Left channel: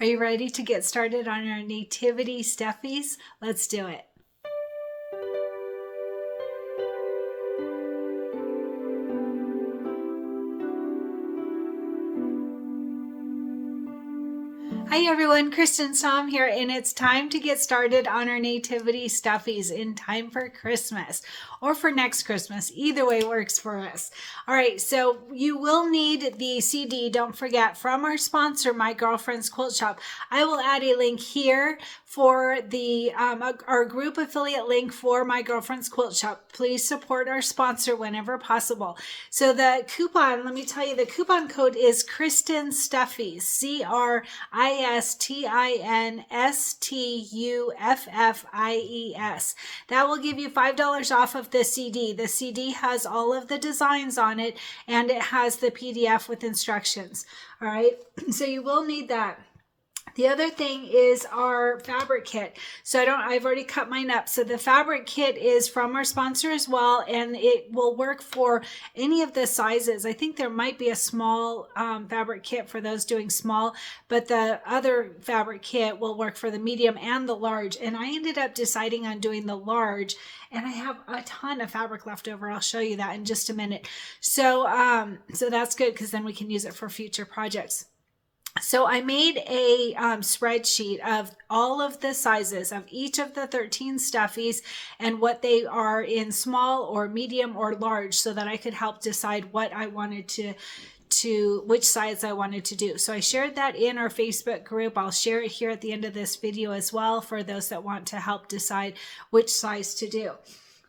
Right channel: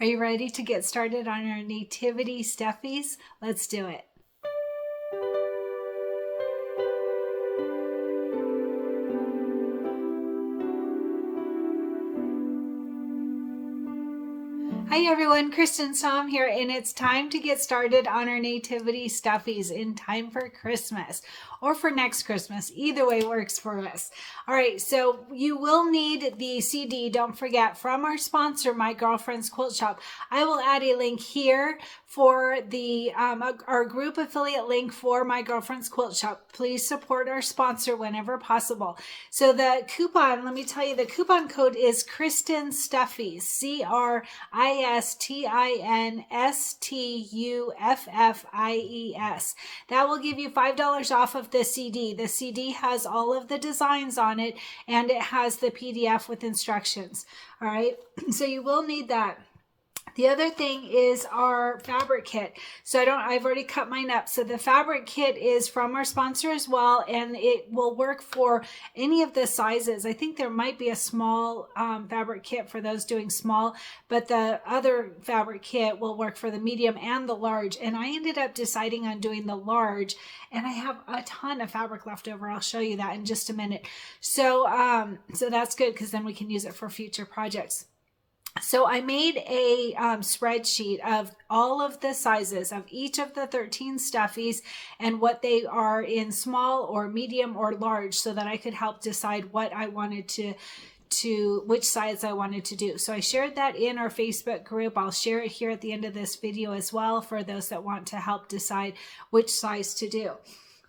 Are you ready to get started on our Nativity Stuffies? Let's do it. Hi everyone, Cristin Som here, and it's time to get started on our Nativity Stuffies in time for Christmas or for next Christmas. Either way works for us. All right, so you will need the CD, don't forget, from our sponsor, My Girlfriend's Quilt Shop. I will add a link here for the our group affiliate link for My Girlfriend's Quilt Shop. Please support our sponsor whenever possible. So the coupon, let me tell you, the coupon code is Cristin Stuffies, CRISTINSTUFFIES. That will give you $5 off of the CD. The CD has all of the designs on it, and it has the PDF with instructions. All right, so you will need that. The other thing is our fabric kit. So I've already cut mine up. So the fabric kit is from our sponsor as well, and it will work for any of the sizes. I think there might be a small fabric kit for those doing small, but the other fabric kit will work for the medium and the large. And I ended up deciding on doing the large, and I have a ton of fabric left over. I'll show you that in just a minute. So that's good, because then we can use it for future projects. So I made a spreadsheet of all of the sizes of each of the 13 stuffies and what they are in small or medium or large, so that I could help decide what I wanted to which size I wanted to do. So I shared that in our Facebook group. I'll share it here at the end of this video as well for those that want to help decide which size to do.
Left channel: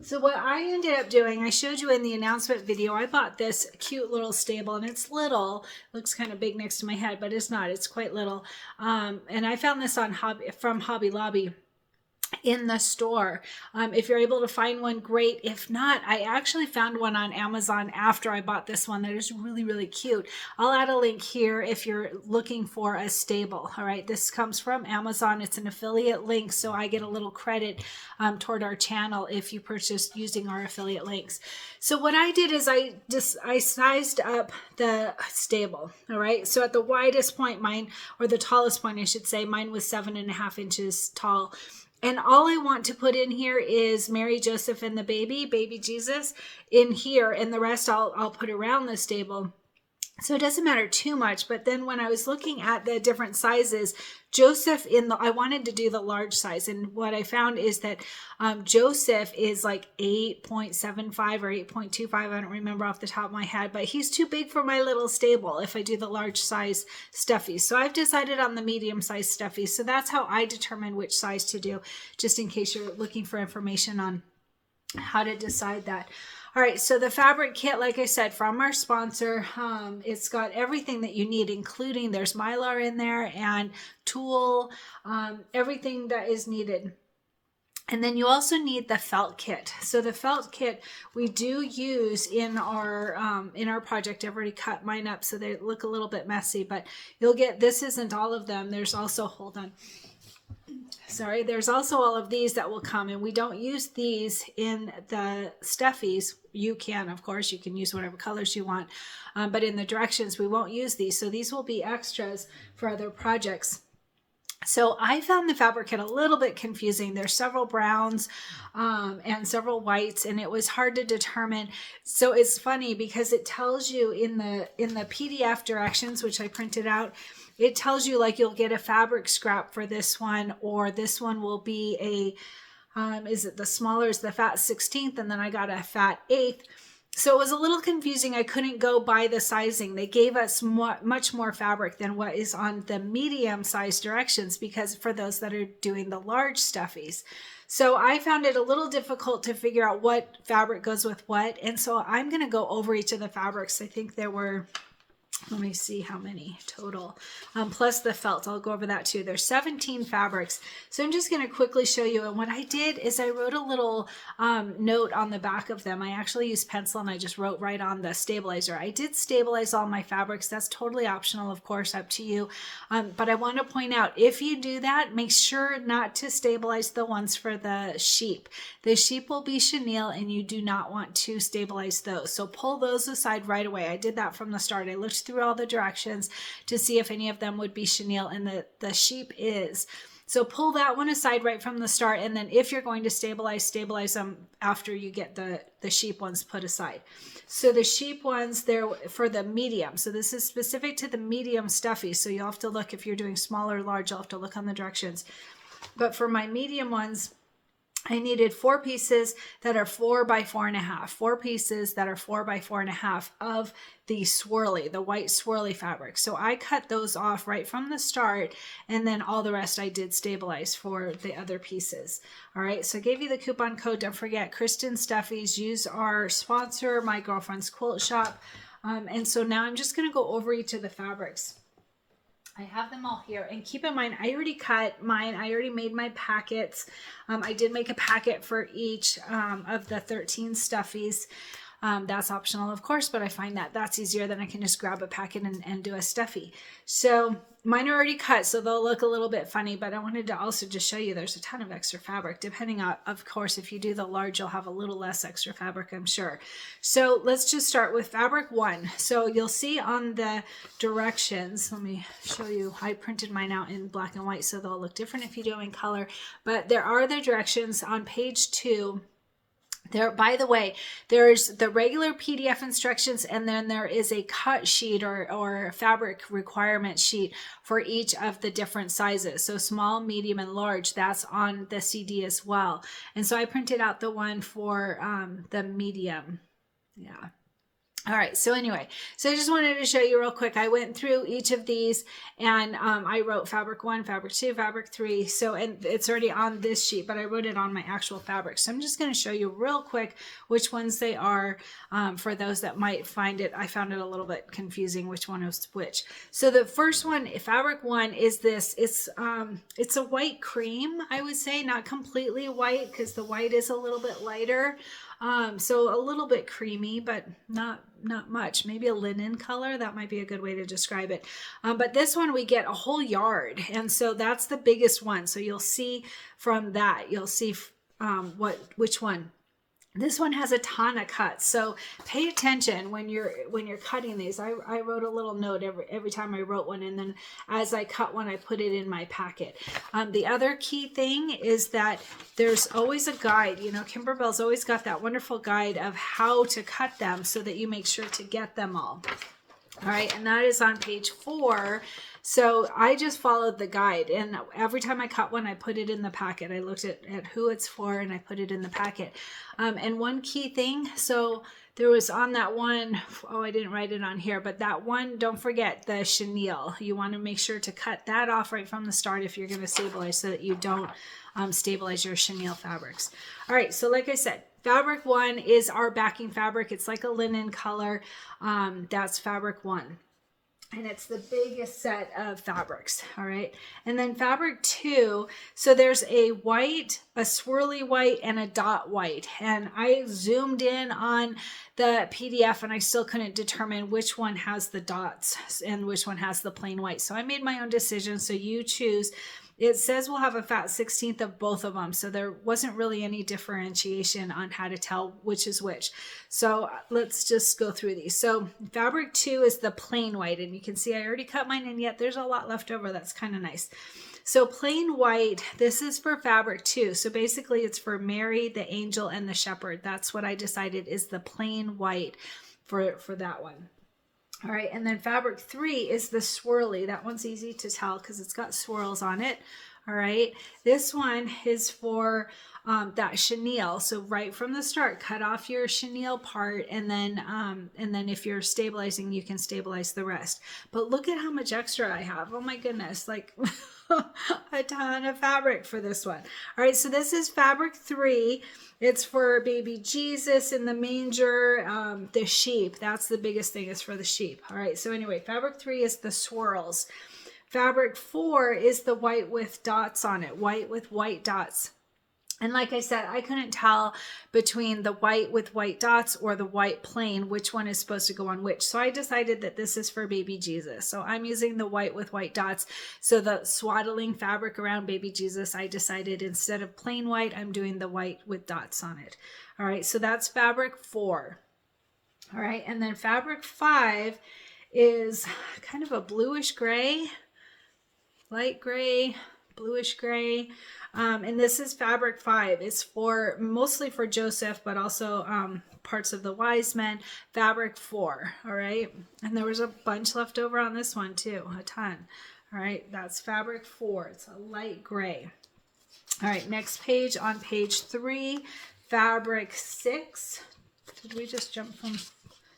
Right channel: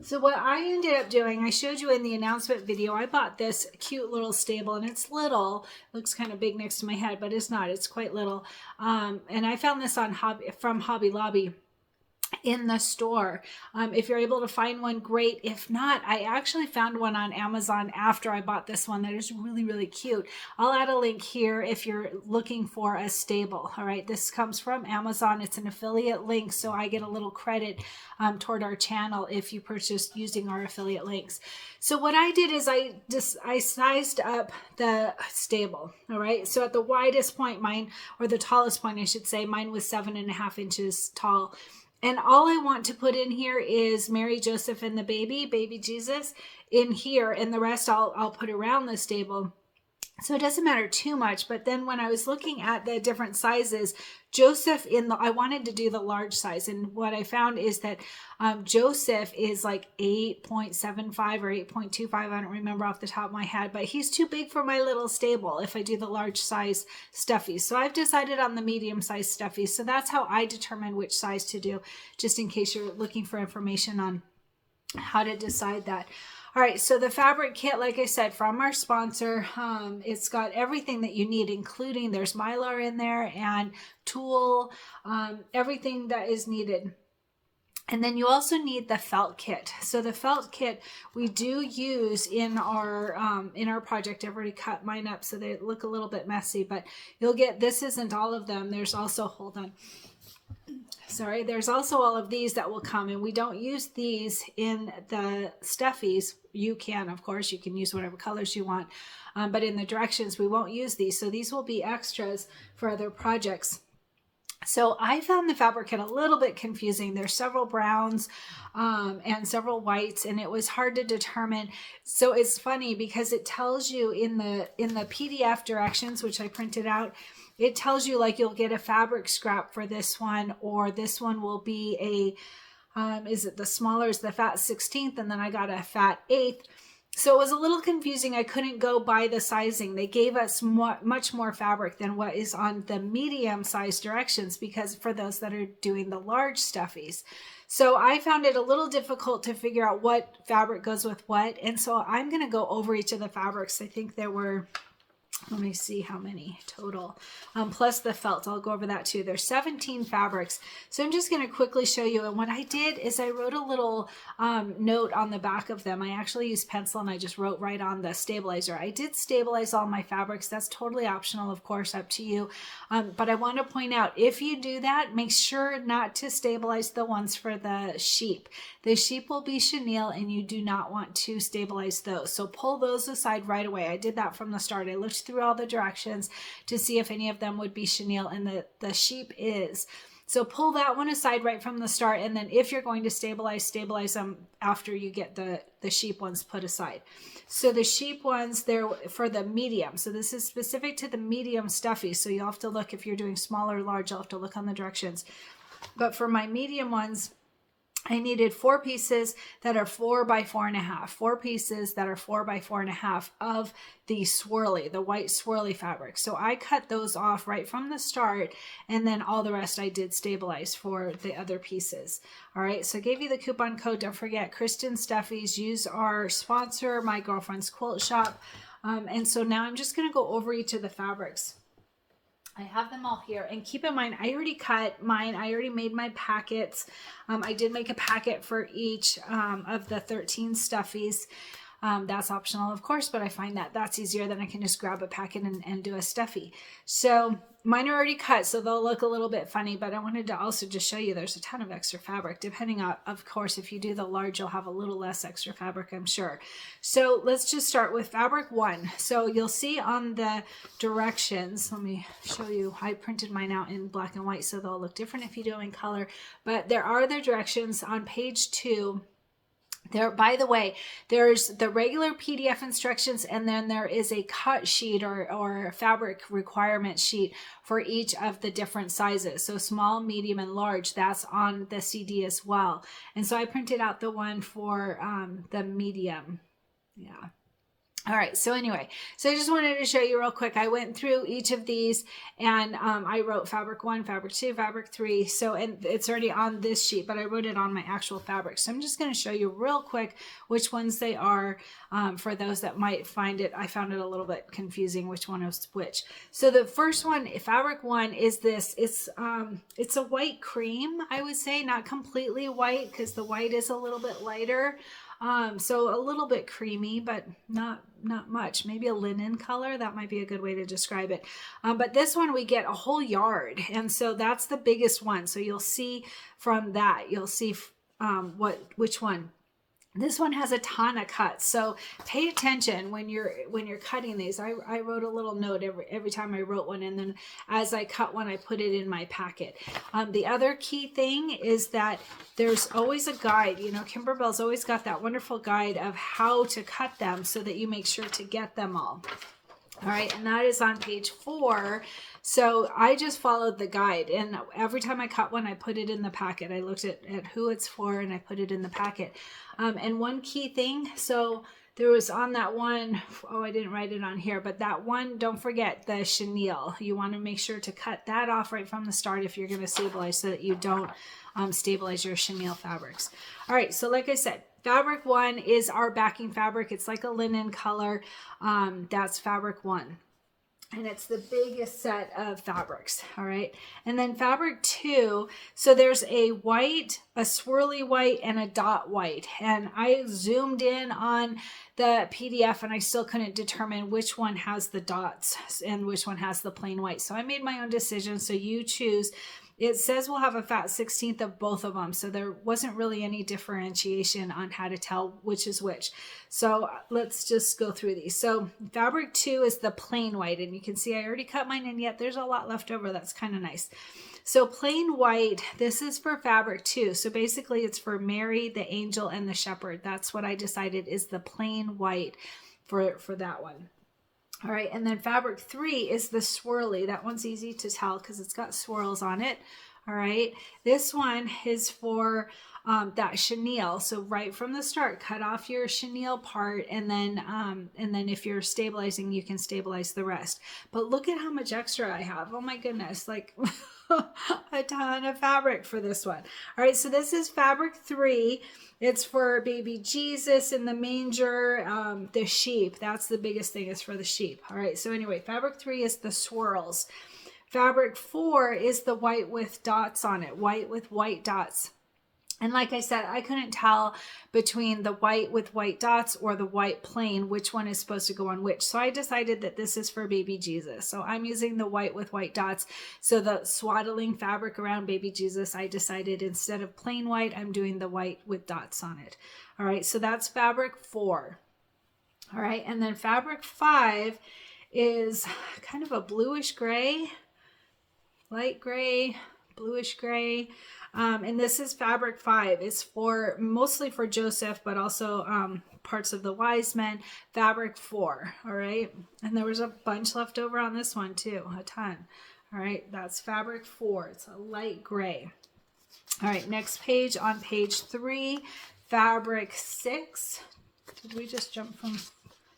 So what I ended up doing, I showed you in the announcement video, I bought this cute little stable, and it's little, looks kind of big next to my head, but it's not, it's quite little. And I found this on from Hobby Lobby in the store. If you're able to find one, great. If not, I actually found one on Amazon after I bought this one that is really, really cute. I'll add a link here if you're looking for a stable. All right, this comes from Amazon. It's an affiliate link, so I get a little credit toward our channel if you purchased using our affiliate links. So what I did is I sized up the stable. All right, so at the widest point, mine, or the tallest point I should say, mine was 7.5 inches tall. And all I want to put in here is Mary, Joseph, and the baby Jesus in here. And the rest I'll put around the stable. So it doesn't matter too much. But then when I was looking at the different sizes, Joseph I wanted to do the large size. And what I found is that Joseph is like 8.75 or 8.25. I don't remember off the top of my head, but he's too big for my little stable if I do the large size stuffies. So I've decided on the medium size stuffies. So that's how I determine which size to do, just in case you're looking for information on how to decide that. All right, so the fabric kit, like I said, from our sponsor, it's got everything that you need, including there's Mylar in there and tulle, everything that is needed. And then you also need the felt kit. So the felt kit we do use in our project. I've already cut mine up so they look a little bit messy, but you'll get, this isn't all of them. There's also, hold on. Sorry, there's also all of these that will come, and we don't use these in the stuffies. You can, of course, you can use whatever colors you want, but in the directions, we won't use these. So these will be extras for other projects. So I found the fabric kit a little bit confusing. There's several browns and several whites, and it was hard to determine. So it's funny because it tells you in the PDF directions, which I printed out, it tells you like you'll get a fabric scrap for this one, or this one will be a, is it the smaller is the fat 16th, and then I got a fat 8th. So it was a little confusing. I couldn't go by the sizing. They gave us much more fabric than what is on the medium size directions, because for those that are doing the large stuffies. So I found it a little difficult to figure out what fabric goes with what. And so I'm going to go over each of the fabrics. I think there were, let me see how many total, plus the felt. I'll go over that too. There's 17 fabrics. So I'm just going to quickly show you. And what I did is I wrote a little note on the back of them. I actually used pencil and I just wrote right on the stabilizer. I did stabilize all my fabrics. That's totally optional, of course, up to you. But I want to point out, if you do that, make sure not to stabilize the ones for the sheep. The sheep will be chenille and you do not want to stabilize those. So pull those aside right away. I did that from the start. I looked through through all the directions to see if any of them would be chenille, and the sheep is. So pull that one aside right from the start, and then if you're going to stabilize them after you get the sheep ones put aside. So the sheep ones, they're for the medium. So this is specific to the medium stuffies. So you'll have to look, if you're doing small or large, you'll have to look on the directions. But for my medium ones, I needed 4 pieces that are 4 by 4.5, 4 pieces that are 4 by 4.5 of the swirly, the white swirly fabric. So I cut those off right from the start, and then all the rest I did stabilize for the other pieces. All right, so I gave you the coupon code. Don't forget, Cristin Stuffies. Use our sponsor, My Girlfriend's Quilt Shop. And so now I'm just going to go over each of the fabrics. I have them all here, and keep in mind, I already cut mine. I already made my packets. I did make a packet for each of the 13 stuffies. That's optional, of course, but I find that that's easier than I can just grab a packet and do a stuffy. So mine are already cut, so they'll look a little bit funny, but I wanted to also just show you there's a ton of extra fabric. Depending on, of course, if you do the large, you'll have a little less extra fabric, I'm sure. So let's just start with fabric 1. So you'll see on the directions, let me show you, I printed mine out in black and white, so they'll look different if you do them in color, but there are the directions on page 2. There, by the way, there's the regular PDF instructions, and then there is a cut sheet or fabric requirement sheet for each of the different sizes. So small, medium, and large, that's on the CD as well. And so I printed out the one for the medium. Yeah. All right, so anyway, so I just wanted to show you real quick. I went through each of these, and I wrote fabric 1, fabric 2, fabric 3. So, and it's already on this sheet, but I wrote it on my actual fabric. So I'm just going to show you real quick which ones they are for those that might find it. I found it a little bit confusing which one was which. So the first one, fabric 1, is this. It's a white cream, I would say, not completely white because the white is a little bit lighter. So a little bit creamy, but not much. Maybe a linen color. That might be a good way to describe it. But this one we get a whole yard. And so that's the biggest one. So you'll see from that, you'll see which one. This one has a ton of cuts, so pay attention when you're cutting these. I wrote a little note every time I wrote one, and then as I cut one, I put it in my packet. The other key thing is that there's always a guide. You know, Kimberbell's always got that wonderful guide of how to cut them so that you make sure to get them all. All right, and that is on page 4. So I just followed the guide, and every time I cut one, I put it in the packet. I looked at who it's for, and I put it in the packet. And one key thing, so there was on that one, oh, I didn't write it on here, but that one, don't forget the chenille. You want to make sure to cut that off right from the start if you're going to stabilize, so that you don't stabilize your chenille fabrics. All right, so like I said, fabric 1 is our backing fabric. It's like a linen color. That's fabric 1. And it's the biggest set of fabrics, all right? And then fabric 2, so there's a white, a swirly white, and a dot white. And I zoomed in on the PDF, and I still couldn't determine which one has the dots and which one has the plain white. So I made my own decision, so you choose. It says we'll have a fat 16th of both of them, so there wasn't really any differentiation on how to tell which is which. So let's just go through these. So fabric 2 is the plain white, and you can see I already cut mine, and yet there's a lot left over. That's kind of nice. So plain white, this is for fabric 2. So basically it's for Mary, the angel, and the shepherd. That's what I decided is the plain white for that one. All right, and then fabric 3 is the swirly. That one's easy to tell because it's got swirls on it. All right, this one is for that chenille. So right from the start, cut off your chenille part, and then if you're stabilizing, you can stabilize the rest. But look at how much extra I have. Oh my goodness, like a ton of fabric for this one. All right, so this is fabric 3. It's for baby Jesus in the manger, the sheep. That's the biggest thing, is for the sheep. All right, so anyway, fabric 3 is the swirls. Fabric 4 is the white with dots on it, white with white dots. And like I said, I couldn't tell between the white with white dots or the white plain, which one is supposed to go on which. So I decided that this is for baby Jesus. So I'm using the white with white dots. So the swaddling fabric around baby Jesus, I decided instead of plain white, I'm doing the white with dots on it. All right, so that's fabric 4. All right, and then fabric 5 is kind of a bluish gray, light gray, bluish gray. And this is fabric 5. It's for mostly for Joseph, but also parts of the wise men. Fabric 4. All right. And there was a bunch left over on this one too, a ton. All right. That's fabric 4. It's a light gray. All right. Next page, on page 3, fabric 6. Did we just jump from?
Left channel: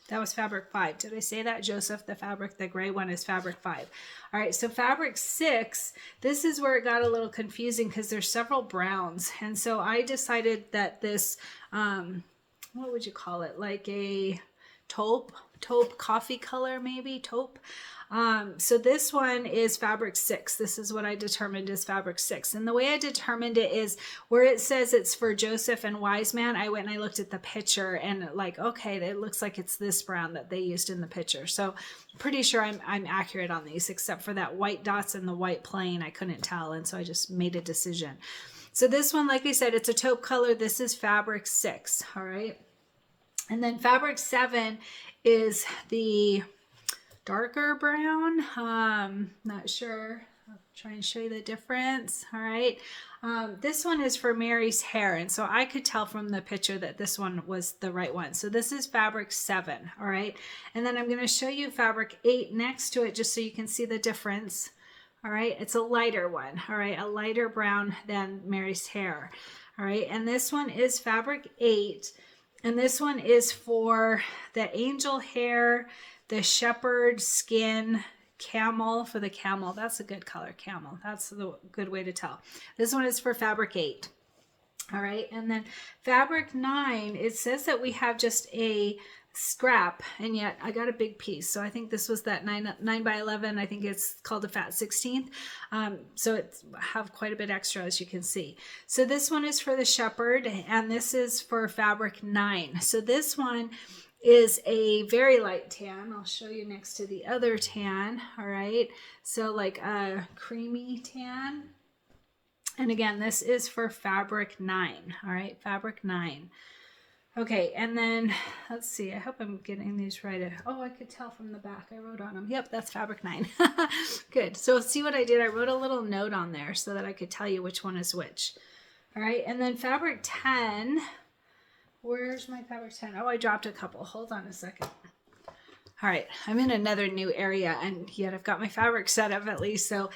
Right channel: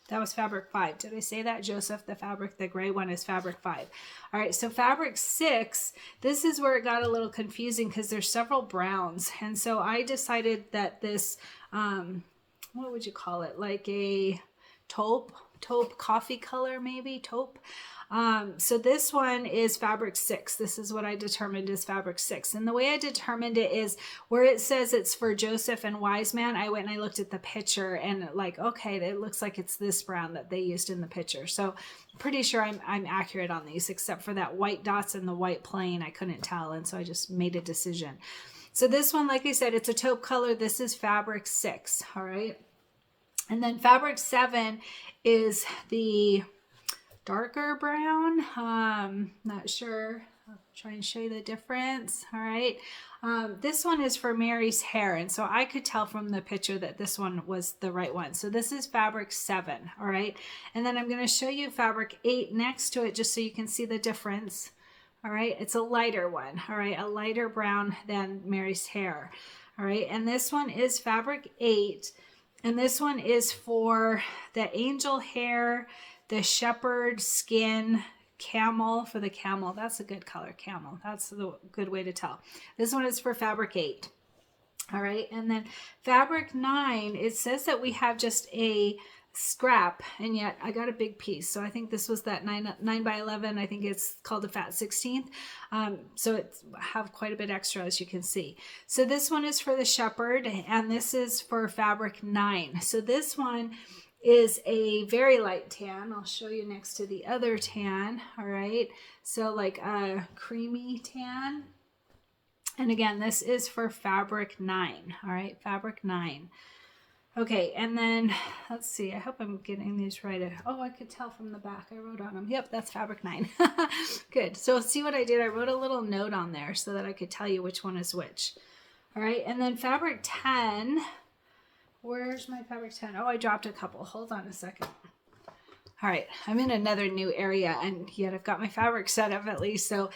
That was fabric 5. Did I say that? Joseph, the gray one is fabric 5. All right, so fabric 6, this is where it got a little confusing because there's several browns. And so I decided that this, what would you call it? Like a taupe coffee color, maybe taupe. So this one is fabric 6. This is what I determined is fabric 6. And the way I determined it is where it says it's for Joseph and wise man. I went and I looked at the picture and like, okay, it looks like it's this brown that they used in the picture. So pretty sure I'm accurate on these, except for that white dots and the white plain. I couldn't tell. And so I just made a decision. So this one, like I said, it's a taupe color. This is fabric 6. All right. And then fabric 7 is the darker brown. Not sure. I'll try and show you the difference. All right. This one is for Mary's hair. And so I could tell from the picture that this one was the right one. So this is fabric 7. All right. And then I'm going to show you fabric 8 next to it just so you can see the difference. All right. It's a lighter one. All right. A lighter brown than Mary's hair. All right. And this one is fabric 8. And this one is for the angel hair, the shepherd skin, camel, for the camel. That's a good color, camel. That's the good way to tell. This one is for fabric 8. All right. And then fabric 9, it says that we have just a scrap, and yet I got a big piece. So I think this was that 9 by 11. I think it's called a fat 16th. So it have quite a bit extra, as you can see. So this one is for the shepherd, and this is for fabric 9. So this one is a very light tan. I'll show you next to the other tan. All right. So like a creamy tan. And again, this is for fabric 9. All right. Fabric 9. Okay. And then let's see. I hope I'm getting these right. Oh, I could tell from the back. I wrote on them. Yep. That's fabric 9. Good. So see what I did? I wrote a little note on there so that I could tell you which one is which. All right. And then fabric 10. Where's my fabric 10? Oh, I dropped a couple. Hold on a second. All right. I'm in another new area, and yet I've got my fabric set up at least. So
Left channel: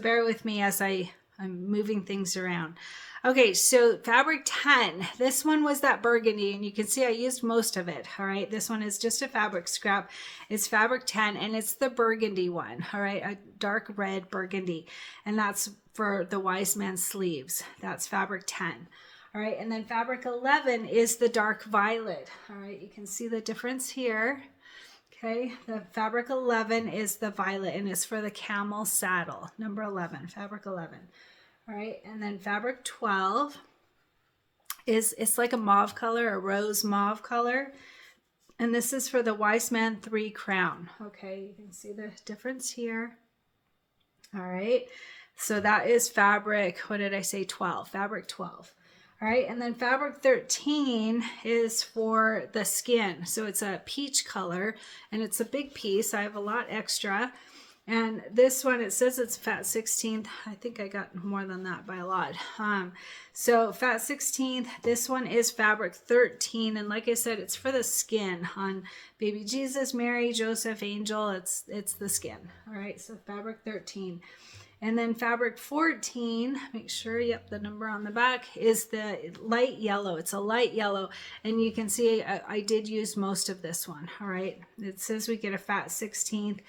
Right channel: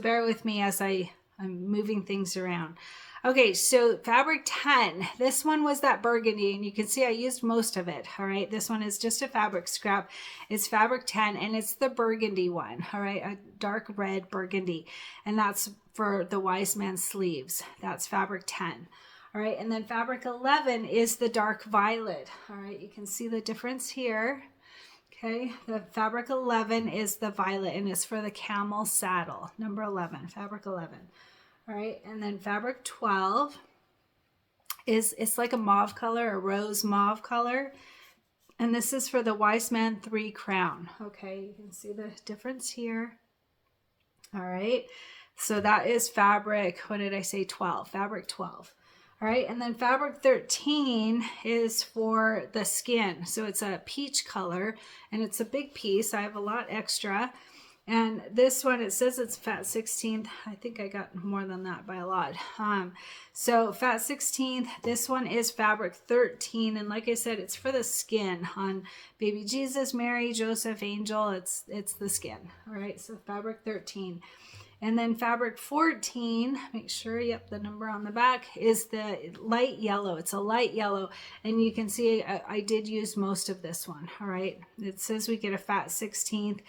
bear with me as I'm moving things around. Okay. So fabric 10, this one was that burgundy, and you can see I used most of it. All right. This one is just a fabric scrap. It's fabric 10, and it's the burgundy one. All right. A dark red burgundy. And that's for the wise man's sleeves. That's fabric 10. All right, and then fabric 11 is the dark violet. All right, you can see the difference here. Okay, the fabric 11 is the violet, and it's for the camel saddle. Number 11, fabric 11. All right, and then fabric 12 it's like a mauve color, a rose mauve color. And this is for the wise man 3 crown. Okay, you can see the difference here. All right, so that is fabric, what did I say, 12, fabric 12. All right, and then fabric 13 is for the skin. So it's a peach color, and it's a big piece. I have a lot extra. And this one, it says it's fat 16th. I think I got more than that by a lot. So fat 16th, this one is fabric 13. And like I said, it's for the skin on baby Jesus, Mary, Joseph, angel. It's the skin. All right, so fabric 13. And then fabric 14, make sure, yep, the number on the back is the light yellow. It's a light yellow. And you can see I did use most of this one. All right. It says we get a fat 16th,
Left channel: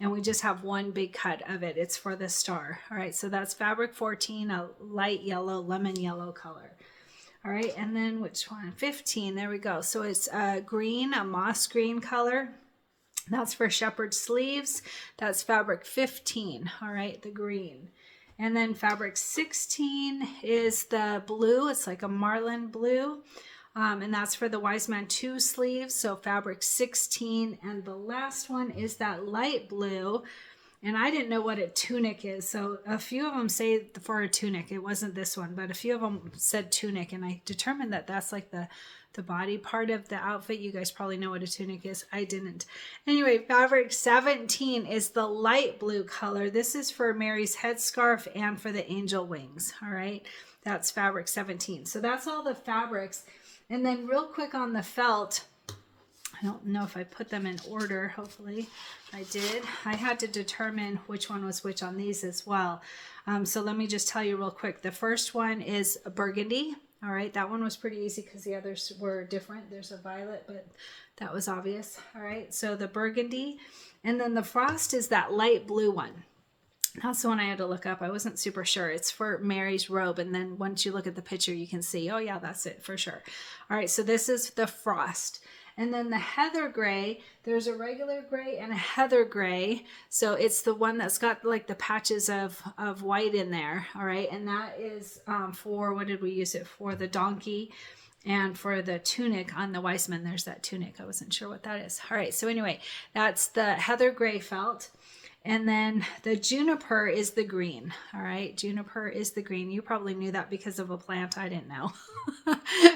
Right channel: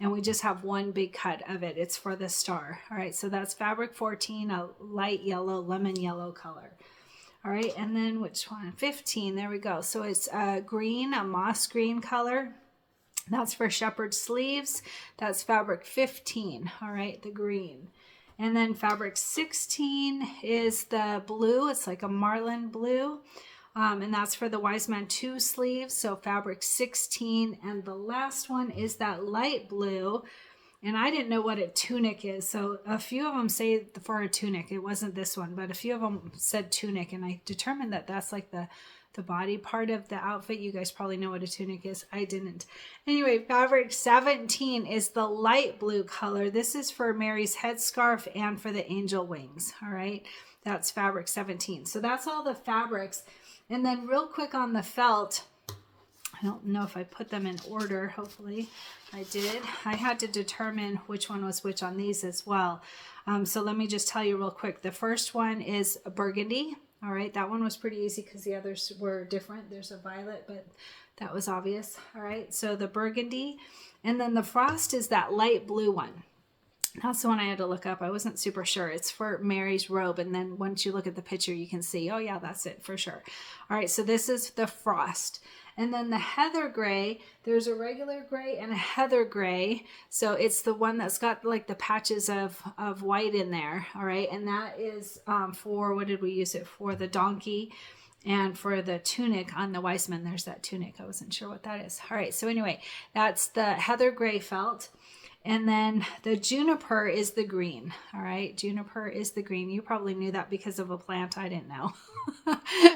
and we just have one big cut of it. It's for the star. All right. So that's fabric 14, a light yellow, lemon yellow color. All right. And then which one? 15. There we go. So it's green, a moss green color. That's for shepherd sleeves. That's fabric 15. All right, the green. And then fabric 16 is the blue. It's like a marlin blue. And that's for the wise man 2 sleeves. So fabric 16. And the last one is that light blue. And I didn't know what a tunic is. So a few of them say for a tunic. It wasn't this one, but a few of them said tunic. And I determined that that's like the the body part of the outfit. You guys probably know what a tunic is. I didn't. Anyway, fabric 17 is the light blue color. This is for Mary's headscarf and for the angel wings. All right, that's fabric 17. So that's all the fabrics. And then real quick on the felt, I don't know if I put them in order. Hopefully I did. I had to determine which one was which on these as well. So let me just tell you real quick. The first one is a burgundy. All right, that one was pretty easy because the others were different. There's a violet, but that was obvious. All right, so the burgundy. And then the frost is that light blue one. That's the one I had to look up. I wasn't super sure. It's for Mary's robe. And then once you look at the picture, you can see, oh yeah, that's it for sure. All right, so this is the frost. And then the heather gray, there's a regular gray and a heather gray. So it's the one that's got like the patches of white in there. All right, and that is for, what did we use it for? The donkey and for the tunic on the Weissman. There's that tunic. I wasn't sure what that is. All right, so anyway, that's the heather gray felt. And then the juniper is the green. All right, juniper is the green. You probably knew that because of a plant. I didn't know.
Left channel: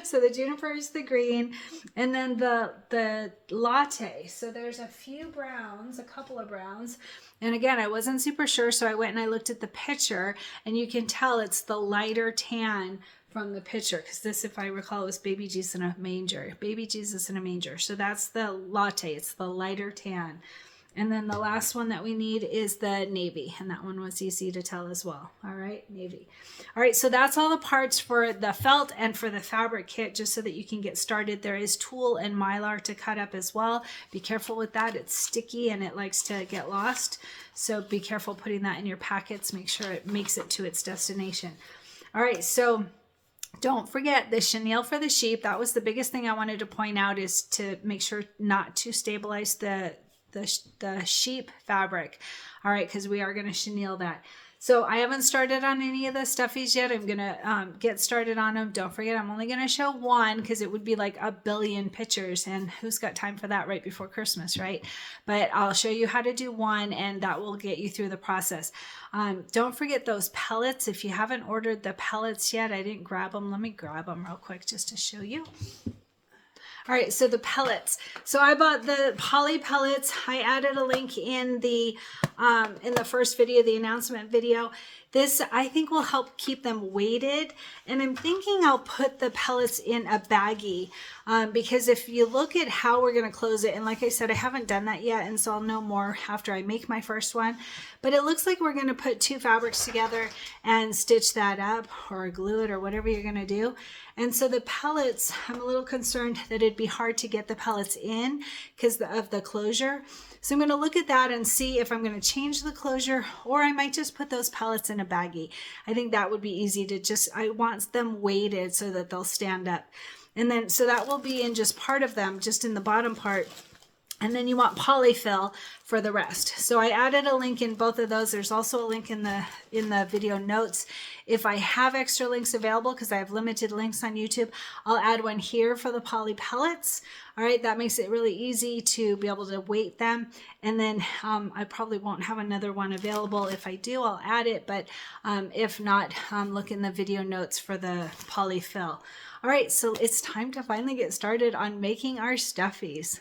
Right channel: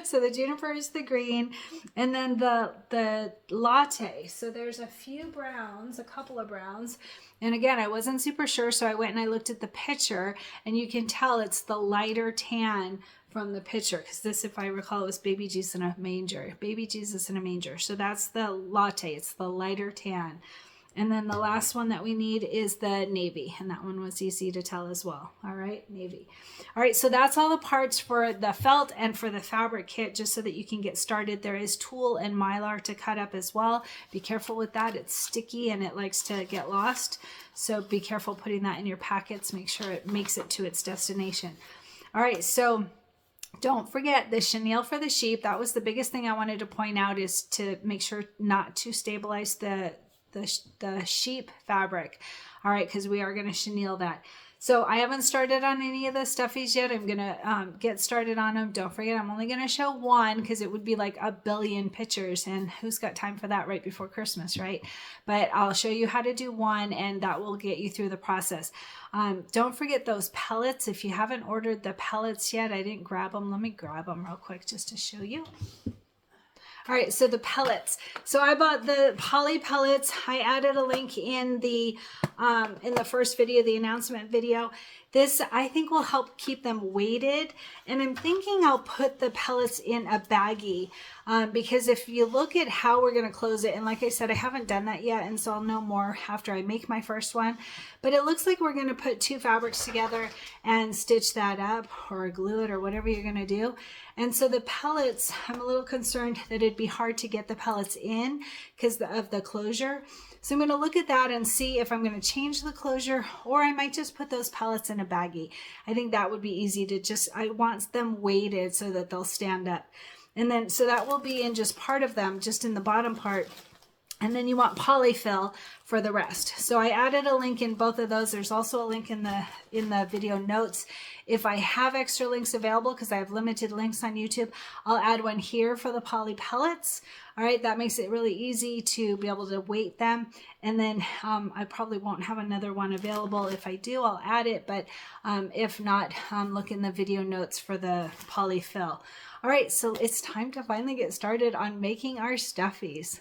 So the juniper is the green. And then the latte. So there's a few browns, a couple of browns. And again, I wasn't super sure, so I went and I looked at the picture, and you can tell it's the lighter tan from the picture, because this, if I recall, was baby Jesus in a manger. Baby Jesus in a manger. So that's the latte. It's the lighter tan. And then the last one that we need is the navy. And that one was easy to tell as well. All right, navy. All right, so that's all the parts for the felt and for the fabric kit, just so that you can get started. There is tulle and mylar to cut up as well. Be careful with that. It's sticky and it likes to get lost. So be careful putting that in your packets. Make sure it makes it to its destination. All right, so don't forget the chenille for the sheep. That was the biggest thing I wanted to point out, is to make sure not to stabilize the sheep fabric. All right, because we are going to chenille that. So I haven't started on any of the stuffies yet. I'm going to get started on them. Don't forget, I'm only going to show one because it would be like a billion pictures, and who's got time for that right before Christmas, right? But I'll show you how to do one, and that will get you through the process. Don't forget those pellets. If you haven't ordered the pellets yet, I didn't grab them. Let me grab them real quick just to show you. All right, so the pellets. So I bought the poly pellets. I added a link in the first video, the announcement video. This, I think, will help keep them weighted. And I'm thinking I'll put the pellets in a baggie because if you look at how we're going to close it, and like I said, I haven't done that yet, and so I'll know more after I make my first one. But it looks like we're going to put two fabrics together and stitch that up or glue it or whatever you're going to do. And so the pellets, I'm a little concerned that it'd be hard to get the pellets in because of the closure. So I'm going to look at that and see if I'm going to change the closure, or I might just put those pellets in a baggie. I think that would be easy to just, I want them weighted so that they'll stand up. And then, so that will be in just part of them, just in the bottom part. And then you want polyfill for the rest. So I added a link in both of those. There's also a link in the video notes. If I have extra links available, because I have limited links on YouTube, I'll add one here for the poly pellets. All right, that makes it really easy to be able to weight them. And then I probably won't have another one available. If I do, I'll add it. But if not, look in the video notes for the polyfill. All right, so it's time to finally get started on making our stuffies.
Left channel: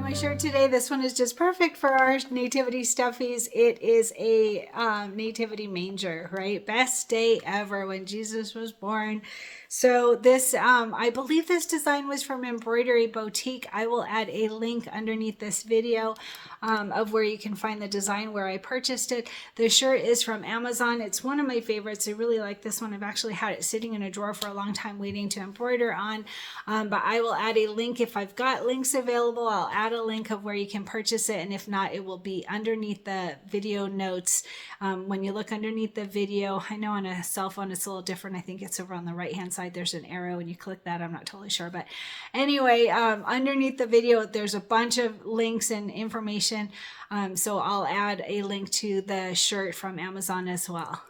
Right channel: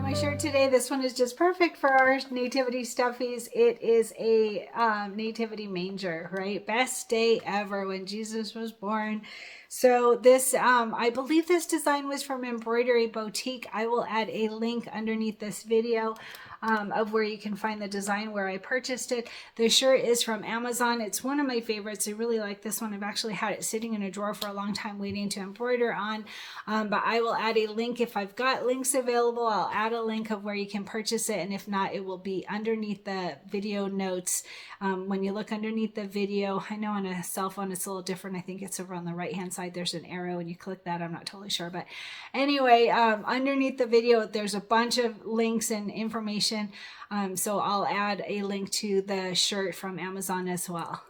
My shirt today, this one is just perfect for our nativity stuffies. It is a nativity manger, right? Best day ever when Jesus was born. So this, I believe this design was from Embroidery Boutique. I will add a link underneath this video of where you can find the design where I purchased it. The shirt is from Amazon. It's one of my favorites. I really like this one. I've actually had it sitting in a drawer for a long time waiting to embroider on, but I will add a link. If I've got links available, I'll add a link of where you can purchase it, and if not, it will be underneath the video notes. When you look underneath the video, I know on a cell phone it's a little different. I think it's over on the right hand side. There's an arrow and you click that. I'm not totally sure, but anyway, underneath the video there's a bunch of links and information. So I'll add a link to the shirt from Amazon as well.